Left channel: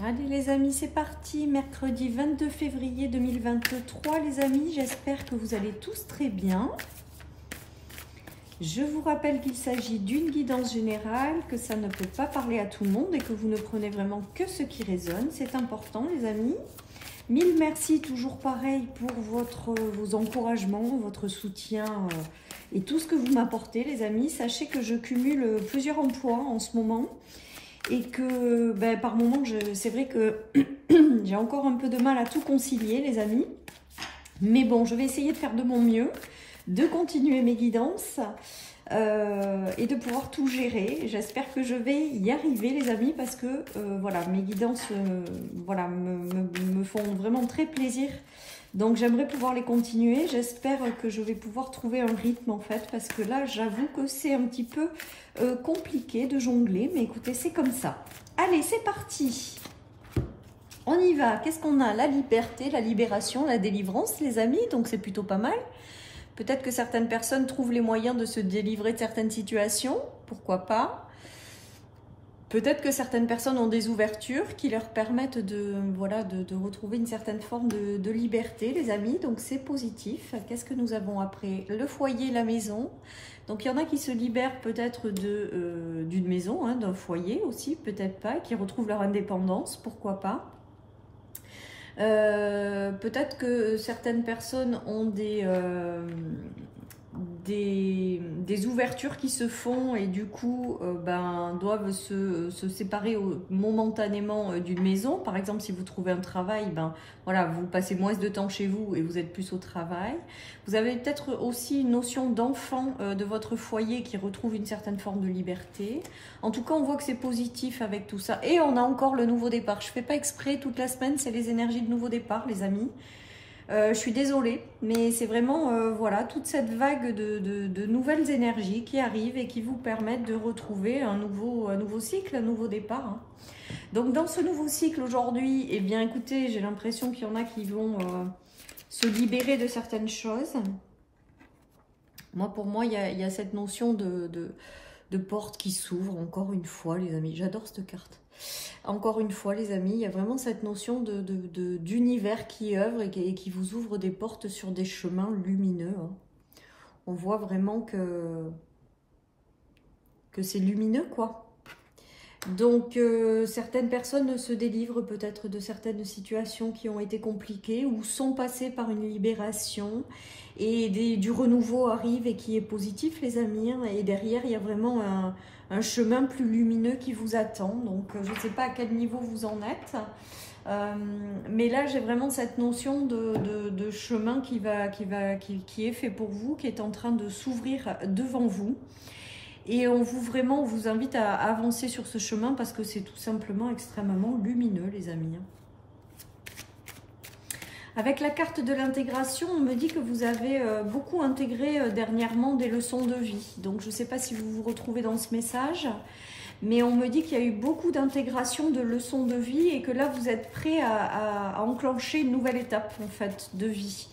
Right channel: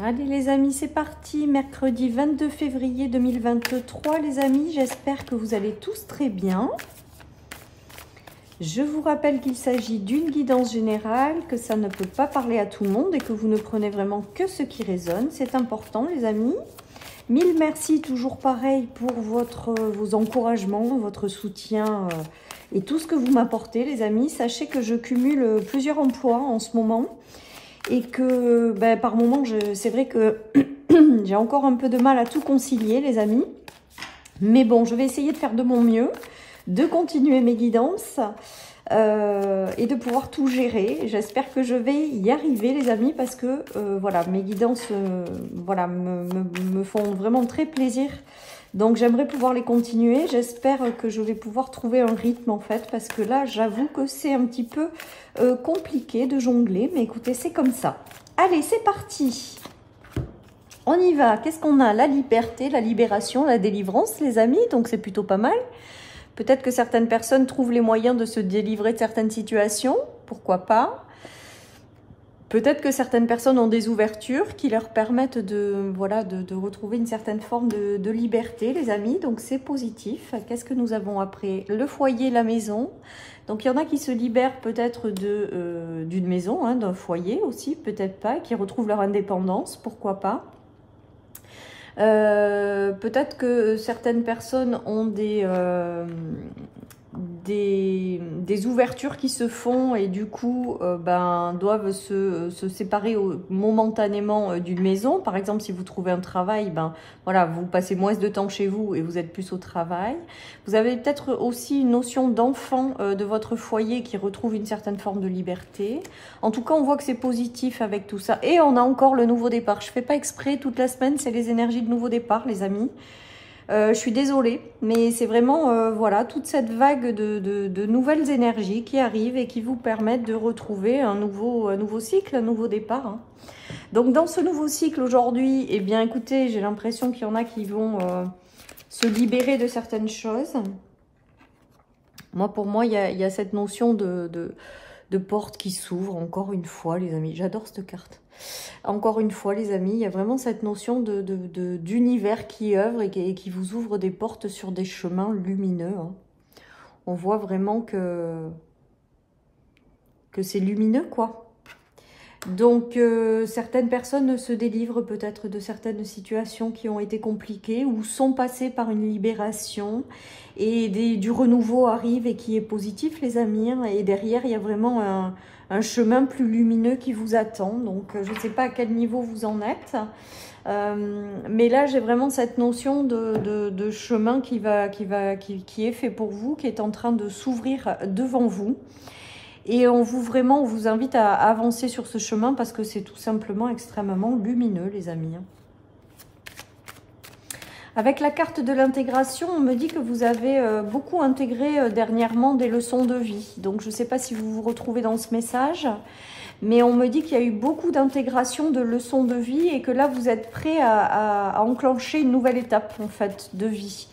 Allez les amis, c'est parti, mercredi 22 février 2023 les amis, j'espère que vous allez tous très bien. Je vous rappelle qu'il s'agit d'une guidance générale, que ça ne peut pas parler à tout le monde et que vous ne prenez vraiment que ce qui résonne, c'est important les amis. Mille merci, toujours pareil pour vos encouragements, votre soutien et tout ce que vous m'apportez les amis. Sachez que je cumule plusieurs emplois en ce moment. Et que par moment, c'est vrai que j'ai encore un peu de mal à tout concilier, les amis. Mais bon, je vais essayer de faire de mon mieux, de continuer mes guidances et de pouvoir tout gérer. J'espère que je vais y arriver, les amis, parce que voilà, mes guidances voilà, me font vraiment très plaisir. Donc, j'aimerais pouvoir les continuer. J'espère que je vais pouvoir trouver un rythme, en fait, parce que là, j'avoue que c'est un petit peu compliqué de jongler. Mais écoutez, c'est comme ça. Allez, c'est parti. On y va. Qu'est-ce qu'on a? La liberté, la libération, la délivrance, les amis. Donc, c'est plutôt pas mal. Peut-être que certaines personnes trouvent les moyens de se délivrer de certaines situations. Pourquoi pas? Peut-être que certaines personnes ont des ouvertures qui leur permettent de retrouver une certaine forme de liberté, les amis. Donc, c'est positif. Qu'est-ce que nous avons après? Le foyer, la maison. Donc, il y en a qui se libèrent peut-être d'une maison, hein, d'un foyer aussi, peut-être pas, qui retrouvent leur indépendance, pourquoi pas. Peut-être que certaines personnes ont des ouvertures qui se font et du coup doivent se séparer momentanément d'une maison. Par exemple, si vous trouvez un travail, voilà, vous passez moins de temps chez vous et vous êtes plus au travail. Vous avez peut-être aussi une notion d'enfant de votre foyer qui retrouve une certaine forme de liberté. En tout cas, on voit que c'est positif avec tout ça. Et on a encore le nouveau départ. Je ne fais pas exprès, toute la semaine, c'est les énergies de nouveau départ, les amis. Je suis désolée, mais c'est vraiment voilà, toute cette vague de nouvelles énergies qui arrivent et qui vous permettent de retrouver un nouveau cycle, un nouveau départ. Hein. Donc dans ce nouveau cycle aujourd'hui, eh bien écoutez, j'ai l'impression qu'il y en a qui vont se libérer de certaines choses. Pour moi, il y a cette notion de porte qui s'ouvre, encore une fois les amis, j'adore cette carte. Encore une fois, les amis, il y a vraiment cette notion d'univers qui œuvre et qui vous ouvre des portes sur des chemins lumineux. Hein. On voit vraiment que c'est lumineux, quoi. Donc, certaines personnes se délivrent peut-être de certaines situations qui ont été compliquées ou sont passées par une libération. Et du renouveau arrive et qui est positif, les amis. Hein. Et derrière, il y a vraiment un chemin plus lumineux qui vous attend. Donc, je ne sais pas à quel niveau vous en êtes. Mais là, j'ai vraiment cette notion de chemin qui est fait pour vous, qui est en train de s'ouvrir devant vous. Et on vous invite à avancer sur ce chemin parce que c'est tout simplement extrêmement lumineux, les amis. Avec la carte de l'intégration, on me dit que vous avez beaucoup intégré dernièrement des leçons de vie. Donc, je ne sais pas si vous vous retrouvez dans ce message, mais on me dit qu'il y a eu beaucoup d'intégration de leçons de vie et que là, vous êtes prêt à enclencher une nouvelle étape, en fait, de vie.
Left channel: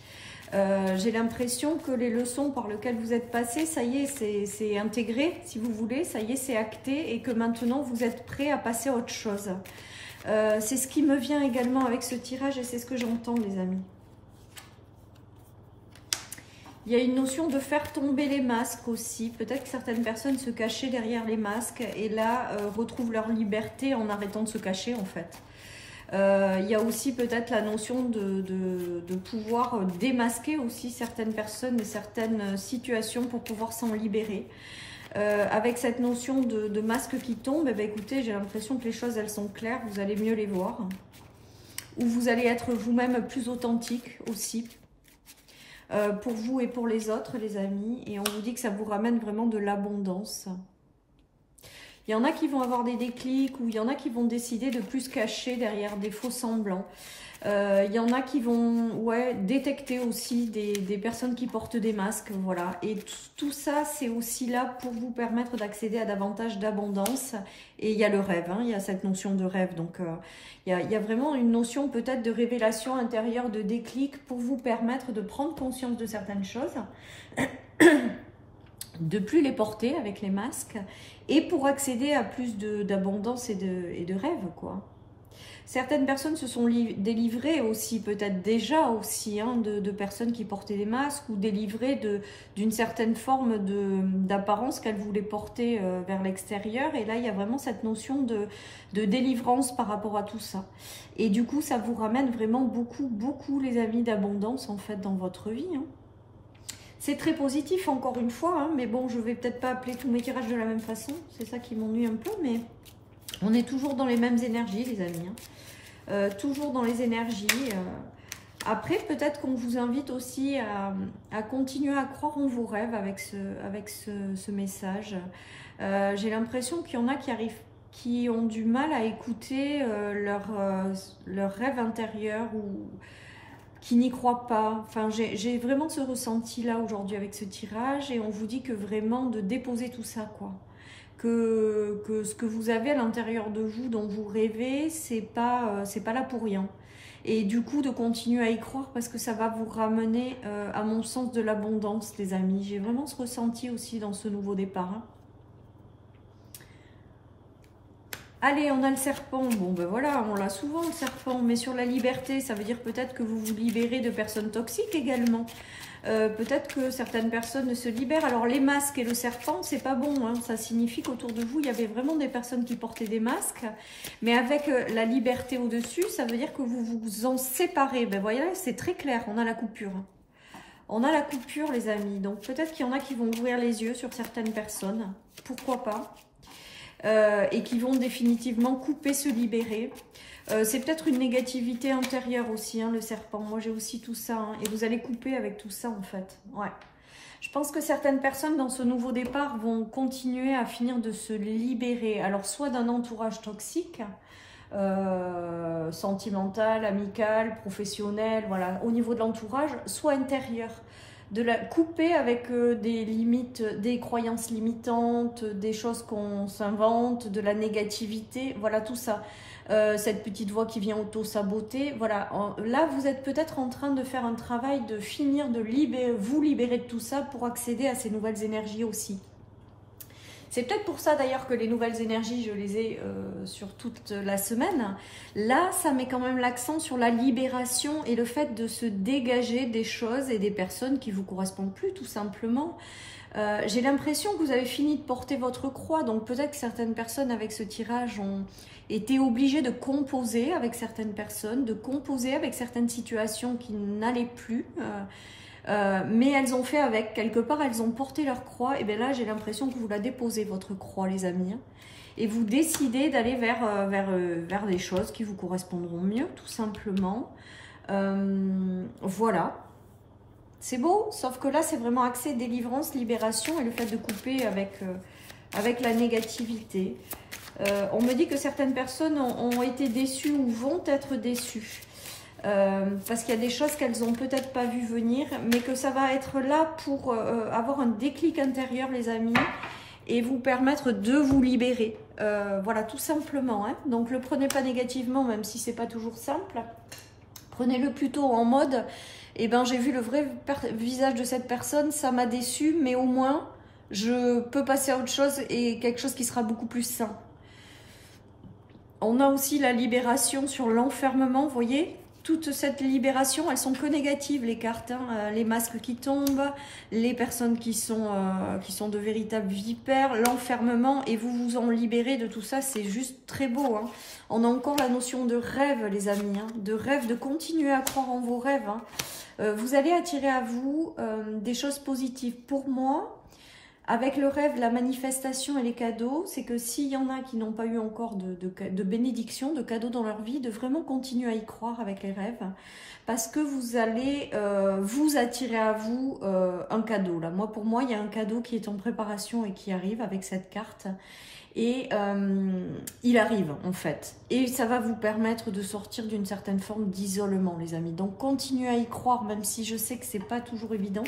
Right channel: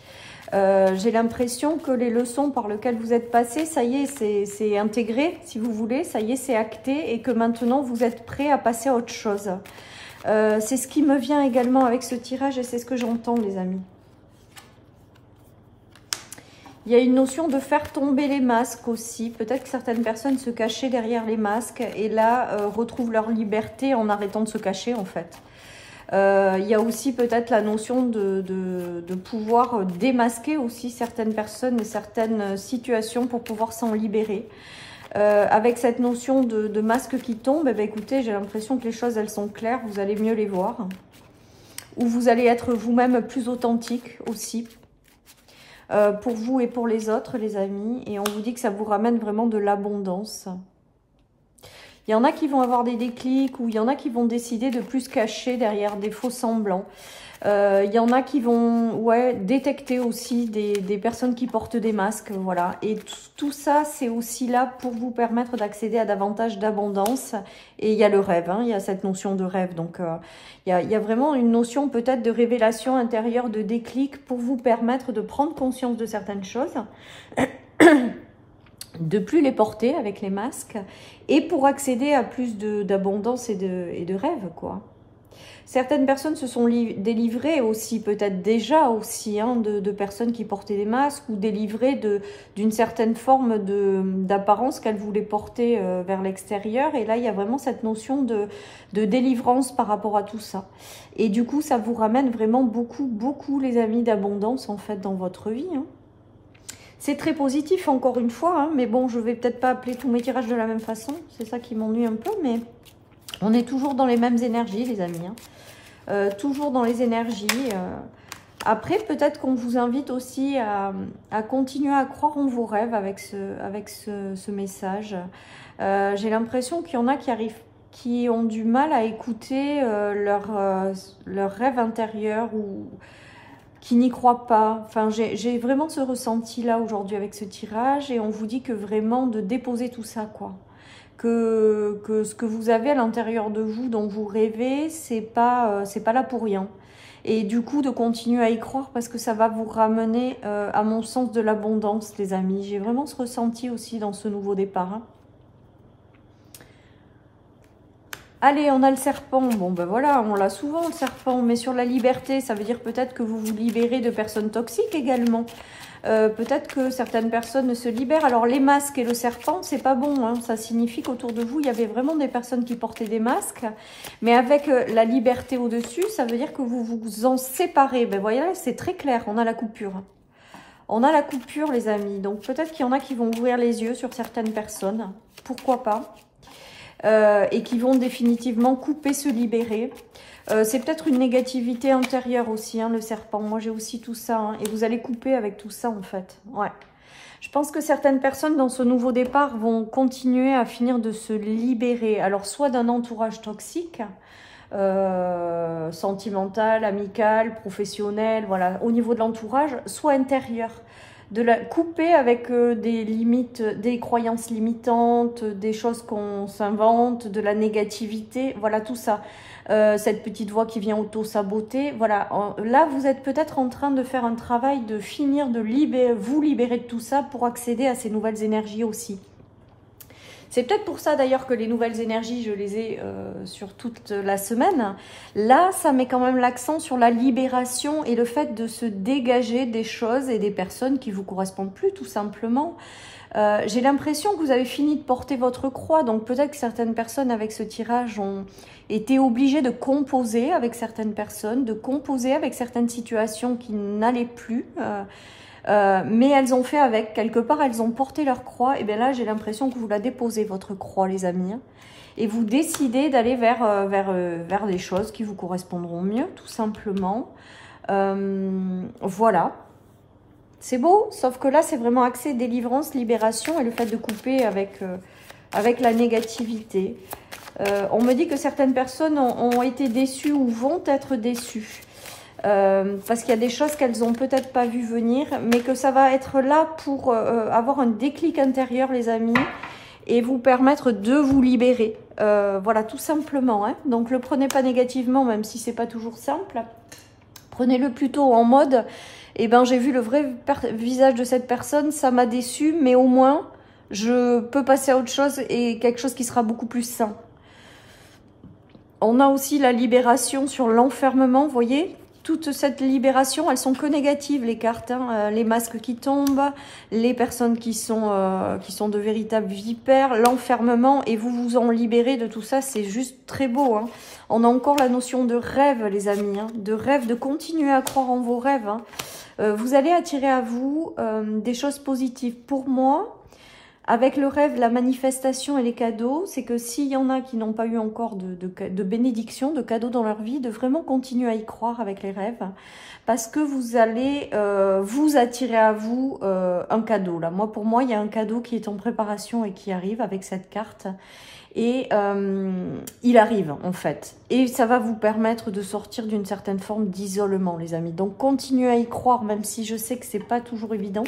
J'ai l'impression que les leçons par lesquelles vous êtes passé, ça y est, c'est intégré, si vous voulez, ça y est, c'est acté et que maintenant, vous êtes prêt à passer à autre chose. C'est ce qui me vient également avec ce tirage et c'est ce que j'entends, les amis. Il y a une notion de faire tomber les masques aussi. Peut-être que certaines personnes se cachaient derrière les masques et là retrouvent leur liberté en arrêtant de se cacher, en fait. Il y a aussi peut-être la notion de pouvoir démasquer aussi certaines personnes et certaines situations pour pouvoir s'en libérer. Avec cette notion de masque qui tombe, eh bien, écoutez, j'ai l'impression que les choses, elles sont claires, vous allez mieux les voir. Ou vous allez être vous-même plus authentique aussi, pour vous et pour les autres, les amis. Et on vous dit que ça vous ramène vraiment de l'abondance. Il y en a qui vont avoir des déclics ou il y en a qui vont décider de plus se cacher derrière des faux semblants. Il y en a qui vont détecter aussi des personnes qui portent des masques. Voilà. Et tout ça, c'est aussi là pour vous permettre d'accéder à davantage d'abondance. Et il y a le rêve, hein, il y a cette notion de rêve. Donc, il y a vraiment une notion peut-être de révélation intérieure, de déclic pour vous permettre de prendre conscience de certaines choses. De plus les porter avec les masques et pour accéder à plus d'abondance et de rêve, quoi. Certaines personnes se sont délivrées aussi, peut-être déjà aussi, hein, de personnes qui portaient des masques ou délivrées d'une certaine forme d'apparence qu'elles voulaient porter vers l'extérieur. Et là, il y a vraiment cette notion de délivrance par rapport à tout ça. Et du coup, ça vous ramène vraiment beaucoup, les amis, d'abondance en fait dans votre vie. Hein. C'est très positif, encore une fois, hein, mais bon, je vais peut-être pas appeler tous mes tirages de la même façon. C'est ça qui m'ennuie un peu, mais on est toujours dans les mêmes énergies, les amis. Hein. Toujours dans les énergies. Après, peut-être qu'on vous invite aussi à continuer à croire en vos rêves avec ce message. J'ai l'impression qu'il y en a qui ont du mal à écouter leur rêve intérieur ou qui n'y croient pas. Enfin, j'ai vraiment ce ressenti-là aujourd'hui avec ce tirage et on vous dit que vraiment de déposer tout ça, quoi. Que ce que vous avez à l'intérieur de vous, dont vous rêvez, c'est pas là pour rien. Et du coup, de continuer à y croire parce que ça va vous ramener, à mon sens, de l'abondance, les amis. J'ai vraiment ce ressenti aussi dans ce nouveau départ. Hein. Allez, on a le serpent. Bon, ben voilà, on l'a souvent, le serpent. Mais sur la liberté, ça veut dire peut-être que vous vous libérez de personnes toxiques également. Peut-être que certaines personnes se libèrent. Alors les masques et le serpent, c'est pas bon. Hein. Ça signifie qu'autour de vous, il y avait vraiment des personnes qui portaient des masques. Mais avec la liberté au-dessus, ça veut dire que vous vous en séparez. Ben voyez, c'est très clair, on a la coupure. On a la coupure, les amis. Donc peut-être qu'il y en a qui vont ouvrir les yeux sur certaines personnes. Pourquoi pas et qui vont définitivement couper, se libérer. C'est peut-être une négativité intérieure aussi, hein, le serpent. Moi, j'ai aussi tout ça. Hein, et vous allez couper avec tout ça, en fait. Ouais. Je pense que certaines personnes, dans ce nouveau départ, vont continuer à finir de se libérer. Alors, soit d'un entourage toxique, sentimental, amical, professionnel, voilà, au niveau de l'entourage, soit intérieur. De la couper avec des limites, des croyances limitantes, des choses qu'on s'invente, de la négativité, voilà, tout ça. Cette petite voix qui vient auto-saboter. Voilà, là, vous êtes peut-être en train de faire un travail de finir de vous libérer de tout ça pour accéder à ces nouvelles énergies aussi. C'est peut-être pour ça d'ailleurs que les nouvelles énergies, je les ai sur toute la semaine. Là, ça met quand même l'accent sur la libération et le fait de se dégager des choses et des personnes qui ne vous correspondent plus, tout simplement. J'ai l'impression que vous avez fini de porter votre croix, donc peut-être que certaines personnes avec ce tirage ont été obligées de composer avec certaines personnes, de composer avec certaines situations qui n'allaient plus, mais elles ont fait avec, quelque part elles ont porté leur croix, et bien là j'ai l'impression que vous la déposez votre croix, les amis, et vous décidez d'aller vers les choses qui vous correspondront mieux, tout simplement. Voilà. C'est beau, sauf que là, c'est vraiment axé délivrance, libération et le fait de couper avec la négativité. On me dit que certaines personnes ont été déçues ou vont être déçues. Parce qu'il y a des choses qu'elles n'ont peut-être pas vu venir, mais que ça va être là pour avoir un déclic intérieur, les amis, et vous permettre de vous libérer. Voilà, tout simplement. Hein. Donc, le prenez pas négativement, même si c'est pas toujours simple. Prenez-le plutôt en mode... Eh bien, j'ai vu le vrai visage de cette personne, ça m'a déçu, mais au moins, je peux passer à autre chose et quelque chose qui sera beaucoup plus sain. On a aussi la libération sur l'enfermement, vous voyez, toute cette libération, elles sont que négatives, les cartes, hein, les masques qui tombent, les personnes qui sont de véritables vipères, l'enfermement, et vous vous en libérez de tout ça, c'est juste très beau. Hein. On a encore la notion de rêve, les amis, hein, de rêve, de continuer à croire en vos rêves. Hein. Vous allez attirer à vous des choses positives. Pour moi, avec le rêve, la manifestation et les cadeaux, c'est que s'il y en a qui n'ont pas eu encore de bénédiction, de cadeaux dans leur vie, de vraiment continuer à y croire avec les rêves, parce que vous allez vous attirer à vous un cadeau. Là, pour moi, il y a un cadeau qui est en préparation et qui arrive avec cette carte. Et il arrive en fait, et ça va vous permettre de sortir d'une certaine forme d'isolement, les amis. Donc continuez à y croire, même si je sais que c'est pas toujours évident.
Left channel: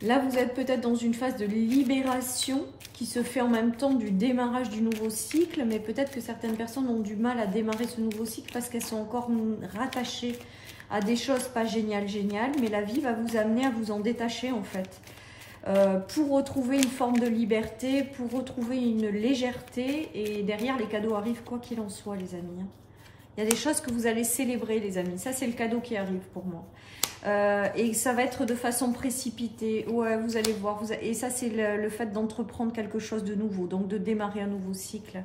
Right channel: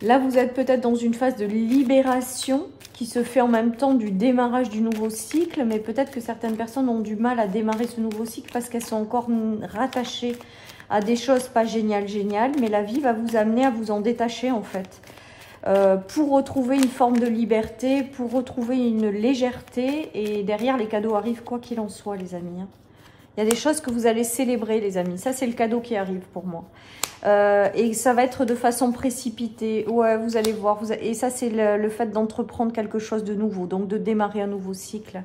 Là vous êtes peut-être dans une phase de libération qui se fait en même temps du démarrage du nouveau cycle, mais peut-être que certaines personnes ont du mal à démarrer ce nouveau cycle parce qu'elles sont encore rattachées à des choses pas géniales, mais la vie va vous amener à vous en détacher en fait. pour retrouver une forme de liberté, pour retrouver une légèreté. Et derrière, les cadeaux arrivent quoi qu'il en soit, les amis. Il y a des choses que vous allez célébrer, les amis. Ça, c'est le cadeau qui arrive pour moi. Et ça va être de façon précipitée. Ouais, vous allez voir. Et ça, c'est le fait d'entreprendre quelque chose de nouveau. Donc, de démarrer un nouveau cycle.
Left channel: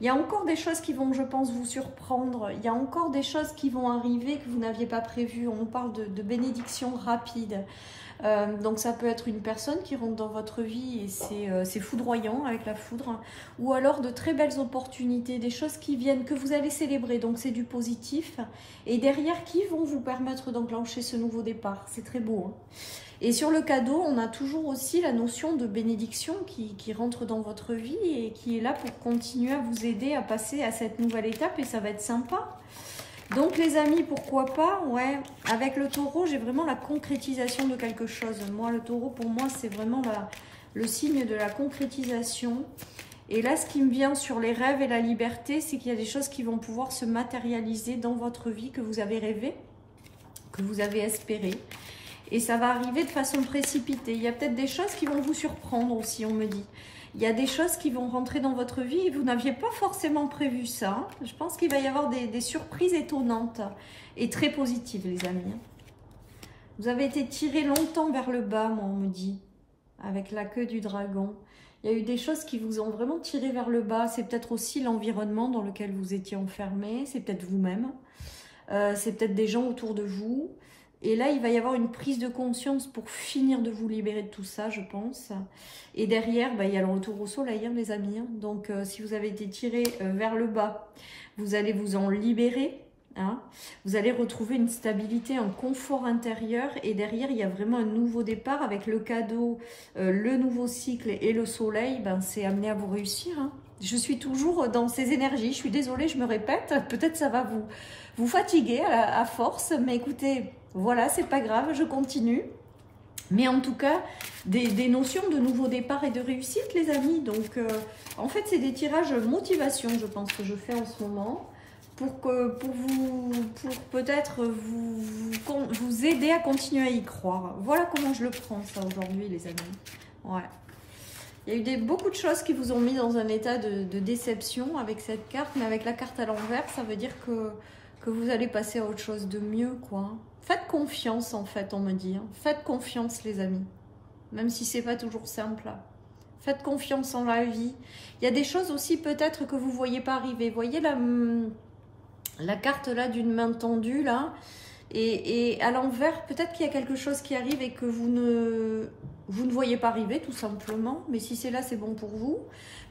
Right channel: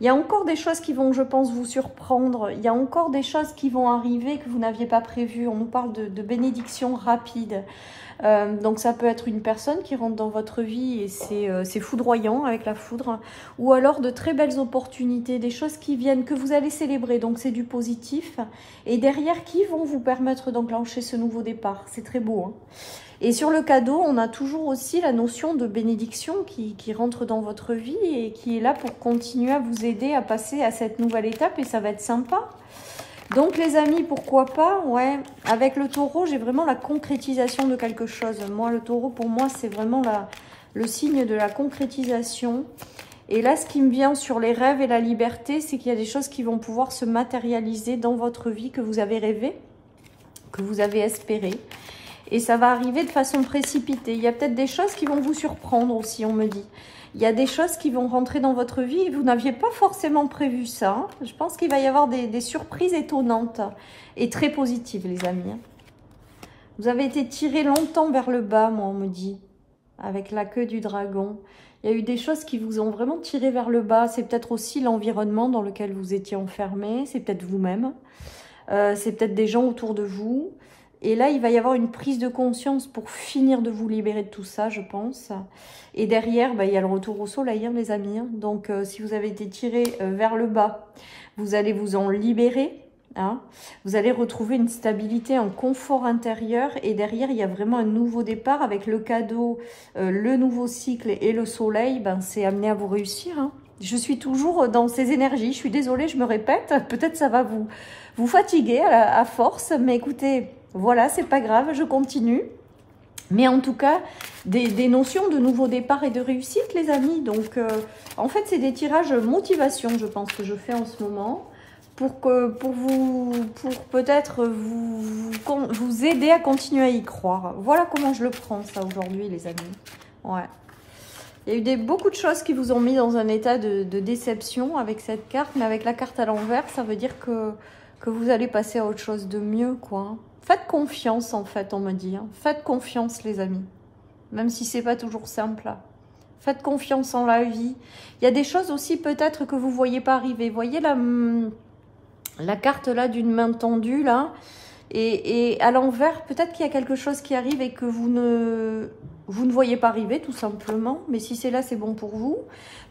Il y a encore des choses qui vont, je pense, vous surprendre. Il y a encore des choses qui vont arriver que vous n'aviez pas prévues. On nous parle de bénédictions rapides. Donc ça peut être une personne qui rentre dans votre vie et c'est foudroyant avec la foudre, ou alors de très belles opportunités, des choses qui viennent, que vous allez célébrer, donc c'est du positif, et derrière qui vont vous permettre d'enclencher ce nouveau départ. C'est très beau, hein. Et sur le cadeau, on a toujours aussi la notion de bénédiction qui rentre dans votre vie et qui est là pour continuer à vous aider à passer à cette nouvelle étape, et ça va être sympa. Donc les amis, pourquoi pas, ouais, avec le taureau, j'ai vraiment la concrétisation de quelque chose. Moi, le taureau, pour moi, c'est vraiment le signe de la concrétisation. Et là, ce qui me vient sur les rêves et la liberté, c'est qu'il y a des choses qui vont pouvoir se matérialiser dans votre vie, que vous avez rêvé, que vous avez espéré. Et ça va arriver de façon précipitée. Il y a peut-être des choses qui vont vous surprendre aussi, on me dit. Il y a des choses qui vont rentrer dans votre vie et vous n'aviez pas forcément prévu ça. Je pense qu'il va y avoir des surprises étonnantes et très positives, les amis. Vous avez été tiré longtemps vers le bas, moi, on me dit, avec la queue du dragon. Il y a eu des choses qui vous ont vraiment tiré vers le bas. C'est peut-être aussi l'environnement dans lequel vous étiez enfermé. C'est peut-être vous-même. C'est peut-être des gens autour de vous. Et là, il va y avoir une prise de conscience pour finir de vous libérer de tout ça, je pense. Et derrière, il y a le retour au soleil, hein, les amis. Hein. Donc, si vous avez été tiré vers le bas, vous allez vous en libérer. Hein. Vous allez retrouver une stabilité, un confort intérieur. Et derrière, il y a vraiment un nouveau départ avec le cadeau, le nouveau cycle et le soleil. C'est amené à vous réussir. Hein. Je suis toujours dans ces énergies. Je suis désolée, je me répète. Peut-être ça va vous fatiguer à force. Mais écoutez... Voilà, c'est pas grave, je continue. Mais en tout cas, des notions de nouveau départ et de réussite, les amis. Donc, en fait, c'est des tirages motivation, je pense, que je fais en ce moment. Pour peut-être vous aider à continuer à y croire. Voilà comment je le prends, ça, aujourd'hui, les amis. Ouais. Il y a eu beaucoup de choses qui vous ont mis dans un état de déception avec cette carte. Mais avec la carte à l'envers, ça veut dire que vous allez passer à autre chose de mieux, quoi. Faites confiance, en fait, on me dit. Hein. Faites confiance, les amis. Même si c'est pas toujours simple. Là. Faites confiance en la vie. Il y a des choses aussi, peut-être, que vous ne voyez pas arriver. Vous voyez la carte, là, d'une main tendue, là. Et à l'envers, peut-être qu'il y a quelque chose qui arrive et que vous ne voyez pas arriver, tout simplement. Mais si c'est là, c'est bon pour vous.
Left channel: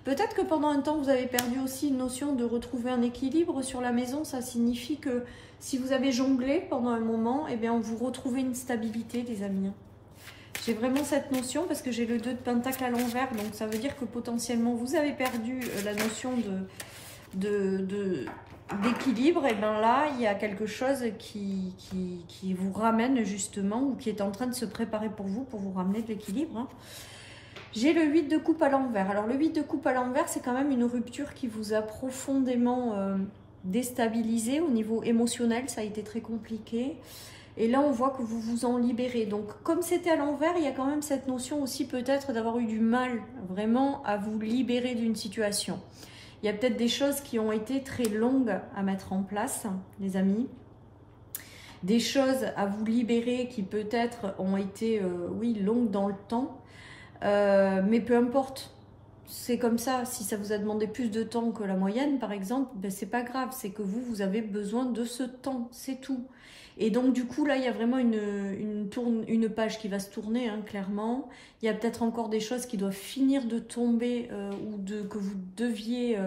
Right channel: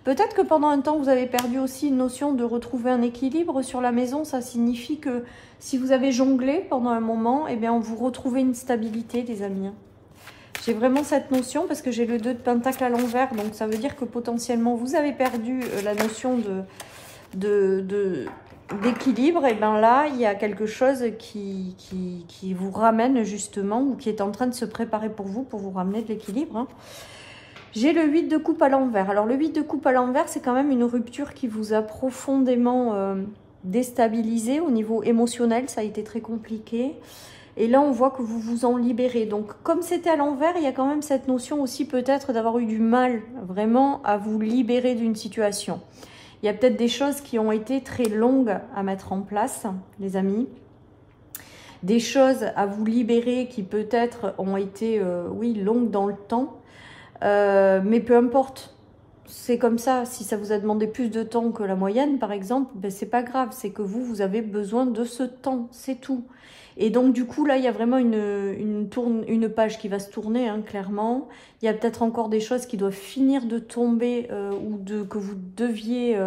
Peut-être que pendant un temps, vous avez perdu aussi une notion de retrouver un équilibre sur la maison. Ça signifie que si vous avez jonglé pendant un moment, eh bien, vous retrouvez une stabilité, les amis. J'ai vraiment cette notion parce que j'ai le 2 de pentacle à l'envers. Donc, ça veut dire que potentiellement, vous avez perdu la notion d'équilibre. Et bien là, il y a quelque chose qui vous ramène justement ou qui est en train de se préparer pour vous ramener de l'équilibre. Hein. J'ai le 8 de coupe à l'envers. Alors, le 8 de coupe à l'envers, c'est quand même une rupture qui vous a profondément déstabilisé au niveau émotionnel. Ça a été très compliqué. Et là, on voit que vous vous en libérez. Donc, comme c'était à l'envers, il y a quand même cette notion aussi peut-être d'avoir eu du mal vraiment à vous libérer d'une situation. Il y a peut-être des choses qui ont été très longues à mettre en place, les amis. Des choses à vous libérer qui peut-être ont été, oui, longues dans le temps. Mais peu importe, c'est comme ça. Si ça vous a demandé plus de temps que la moyenne, par exemple, ben c'est pas grave. C'est que vous avez besoin de ce temps, c'est tout. Et donc, du coup, là, il y a vraiment une page qui va se tourner, hein, clairement. Il y a peut-être encore des choses qui doivent finir de tomber ou que vous deviez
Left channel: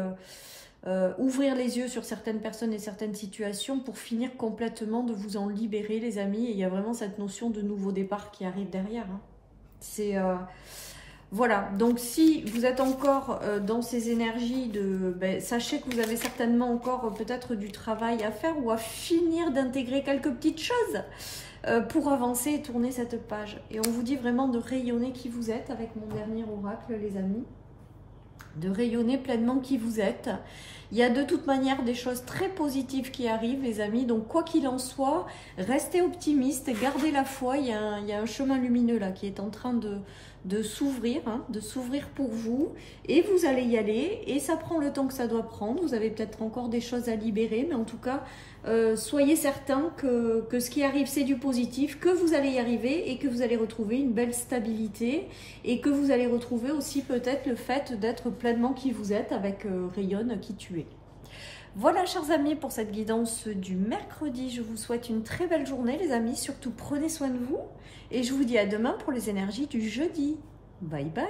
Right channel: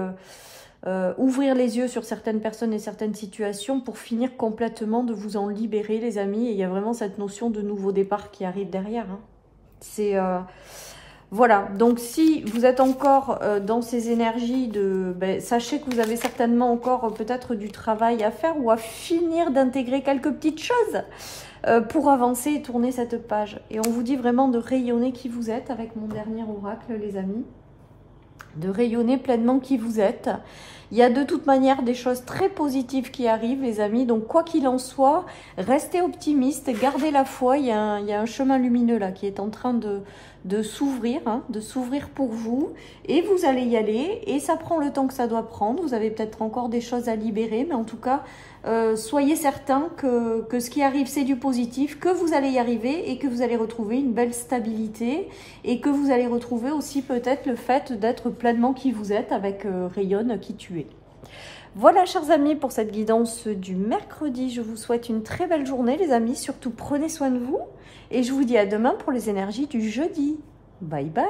ouvrir les yeux sur certaines personnes et certaines situations pour finir complètement de vous en libérer, les amis. Et il y a vraiment cette notion de nouveau départ qui arrive derrière. Hein. C'est... Voilà, donc si vous êtes encore dans ces énergies, sachez que vous avez certainement encore peut-être du travail à faire ou à finir d'intégrer quelques petites choses pour avancer et tourner cette page. Et on vous dit vraiment de rayonner qui vous êtes avec mon dernier oracle, les amis. de rayonner pleinement qui vous êtes. Il y a de toute manière des choses très positives qui arrivent, les amis. Donc, quoi qu'il en soit, restez optimistes, gardez la foi. Il y a un chemin lumineux là qui est en train de s'ouvrir, hein, de s'ouvrir pour vous. Et vous allez y aller. Et ça prend le temps que ça doit prendre. Vous avez peut-être encore des choses à libérer. Mais en tout cas, soyez certains que ce qui arrive, c'est du positif, que vous allez y arriver et que vous allez retrouver une belle stabilité et que vous allez retrouver aussi peut-être le fait d'être pleinement qui vous êtes avec Rayonne qui tu es. Voilà, chers amis, pour cette guidance du mercredi. Je vous souhaite une très belle journée, les amis. Surtout, prenez soin de vous et je vous dis à demain pour les énergies du jeudi. Bye bye.